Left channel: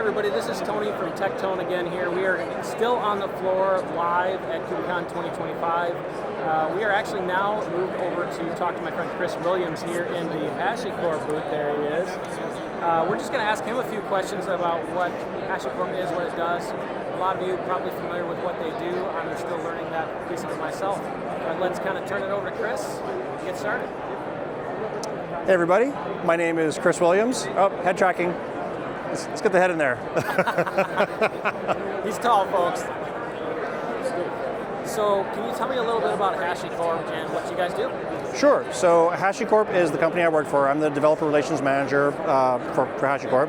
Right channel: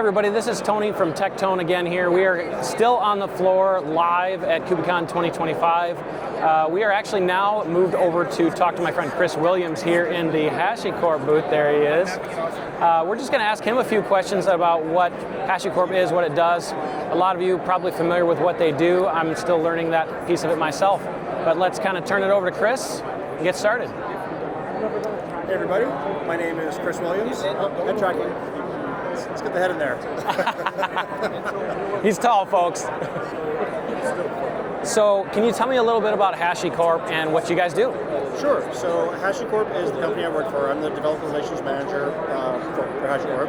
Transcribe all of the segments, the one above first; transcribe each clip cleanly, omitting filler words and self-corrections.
everybody, this is Tony from TechTone again here. We are still on the floor live at KubeCon 2025. We are actually now moved over to talk to my friend Chris Williams here in the HashiCorp booth. There he is. We're just going to ask him a few questions about what HashiCorp is, what it does. A lot of you are probably familiar with what they do. I'm still learning that piece of it myself. But let's kind of turn it over to Chris and get started. Hey everybody, my name is Chris Williams. Oh, head tracking. Let's get the head in there. He's tall, folks. So, can you tell me a little bit about HashiCorp and what you guys do? Sure. So, HashiCorp is the company I work for. I'm the developer relations manager for HashiCorp.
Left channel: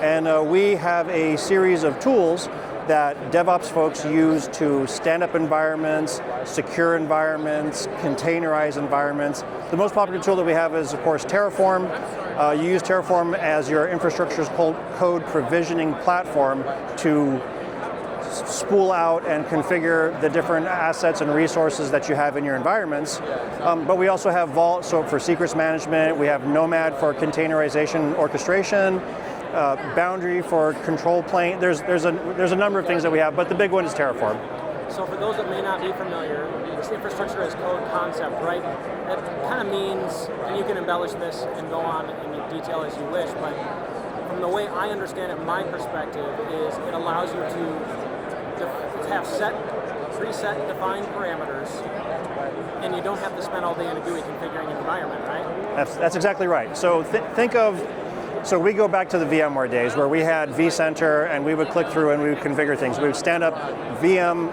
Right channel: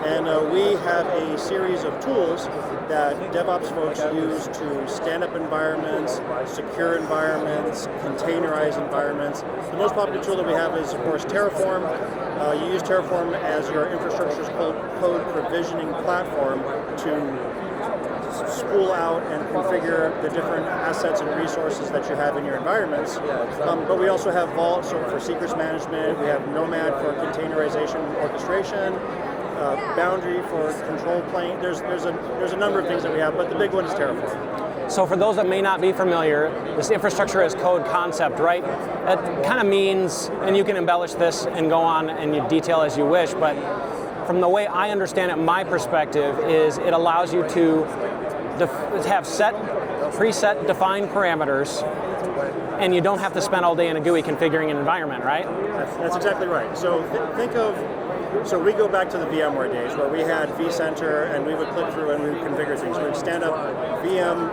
And we have a series of tools that DevOps folks use to stand up environments, secure environments, containerize environments. The most popular tool that we have is, of course, Terraform. You use Terraform as your infrastructure's code provisioning platform to spool out and configure the different assets and resources that you have in your environments. But we also have Vault, so for secrets management. We have Nomad for containerization orchestration. Boundary for control plane. There's a number of things that we have, but the big one is Terraform. So for those that may not be familiar, this infrastructure as code concept, right? That kind of means, and you can embellish this and go on in detail as you wish, but from the way I understand it, my perspective is it allows you to have preset defined parameters, and you don't have to spend all day in a GUI configuring an environment, right? That's exactly right. So think of, so we go back to the VMware days where we had vCenter and we would click through and we would configure things. We would stand up VM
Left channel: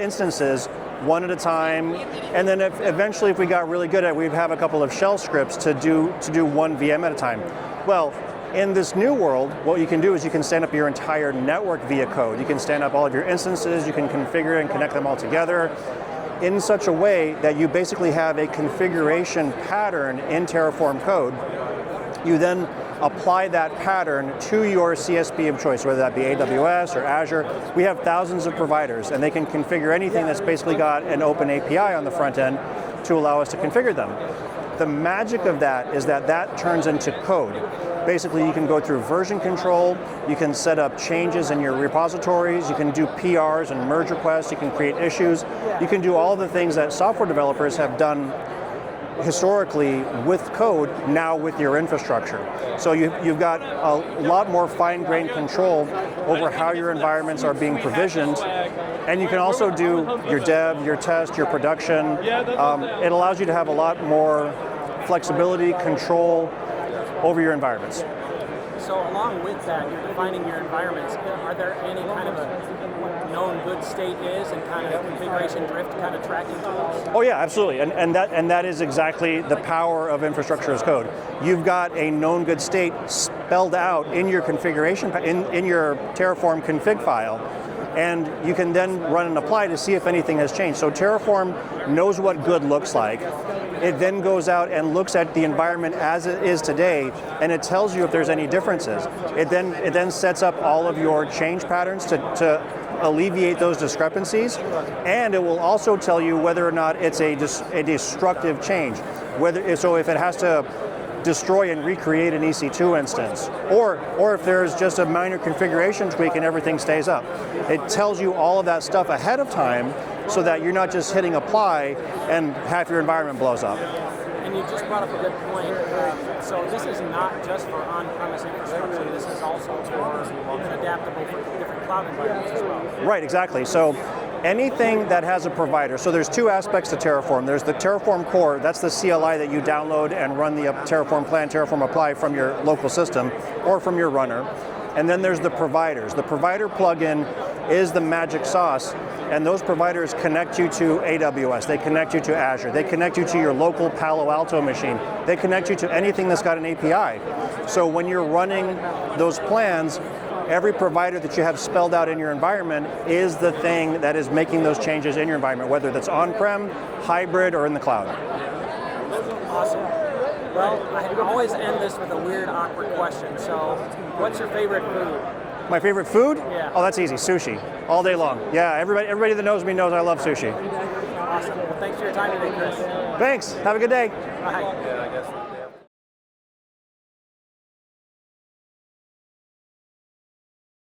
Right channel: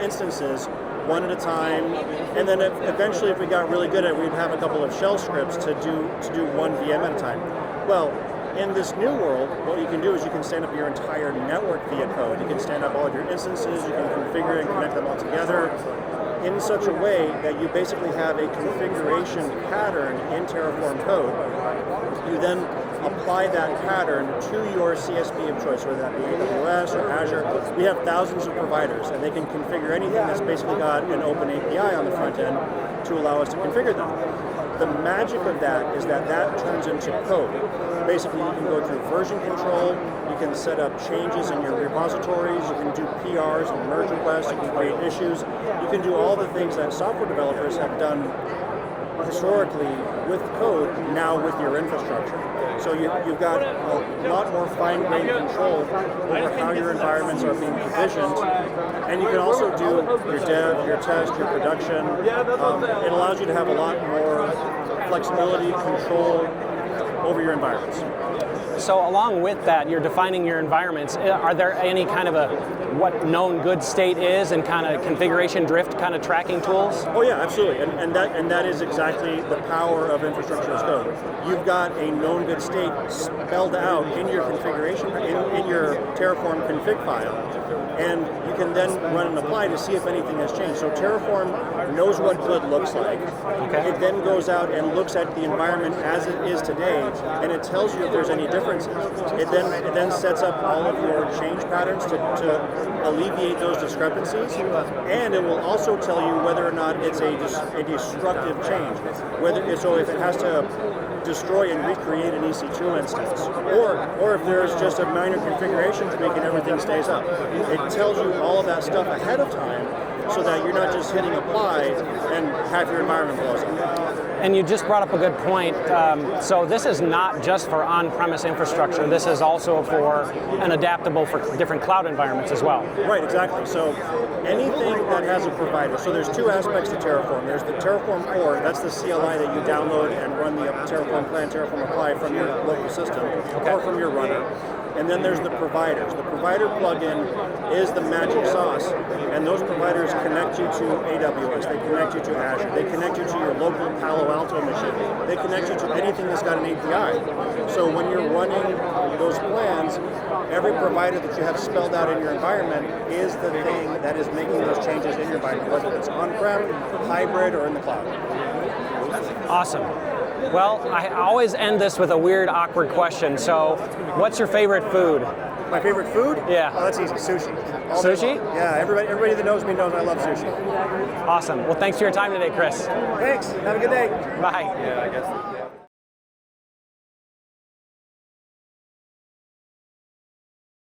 instances one at a time, and then eventually if we got really good at it, we'd have a couple of shell scripts to do one VM at a time. Well, in this new world, what you can do is you can stand up your entire network via code. You can stand up all of your instances, you can configure and connect them all together in such a way that you basically have a configuration pattern in Terraform code. You then apply that pattern to your CSP of choice, whether that be AWS or Azure. We have thousands of providers, and they can configure anything that's basically got an open API on the front end to allow us to configure them. The magic of that is that turns into code. Basically, you can go through version control, you can set up changes in your repositories, you can do PRs and merge requests, you can create issues, you can do all the things that software developers have done historically with code, now with your infrastructure. So you've got a lot more fine-grained control over how your environments are being provisioned, and you can also do your dev, your test, your production. It allows you to have a lot more flexibility, control over your environments. So along with that, you're defining your environments. Are there any kind of what known good state is and kind of configuration drift kind of tracking tools? Oh yeah, absolutely, and that is exactly the power of infrastructure as code. You've got a known good state spelled out in your configuration, in your Terraform config file, and you can then run and apply to see if anything has changed. So Terraform knows what good looks like. Okay. It then goes out and looks at the environment as it is today, and it tells you if there's any differences. It then sets up all of your change patterns to alleviate those discrepancies, and it will also tell you whether or not it's a destructive change. So if it has to destroy and recreate an EC2 instance, or if there's just a minor configuration tweak and everything stays up. It tells you all of that stuff ahead of time so that you're not just hitting apply and half your environment blows up. And you just brought up a good point. So this is not just for on-premise infrastructure. This is also for and adaptable for different cloud environments as well. Right, exactly. So anything that has a provider. So there's two aspects to Terraform. There's the Terraform core. That's the CLI that you download and run the Terraform plan, Terraform apply from your local system or from your runner. And then there's the providers. The provider plugin is the magic sauce, and those providers connect you to AWS, they connect you to Azure, they connect you to your local Palo Alto machine, they connect you to anything that's got an API. So when you're running those plans, every provider that you have spelled out in your environment is the thing that is making those changes in your environment, whether that's on-prem, hybrid, or in the cloud. Awesome. Well, I always end this with a weird, awkward question. So, what's your favorite food? My favorite food? Yeah. Oh, that's easy. Sushi. All day long. Yeah, everybody that knows me knows I love sushi. Awesome. Well, thanks for your time today, Chris. Thanks. Have a good day. Bye.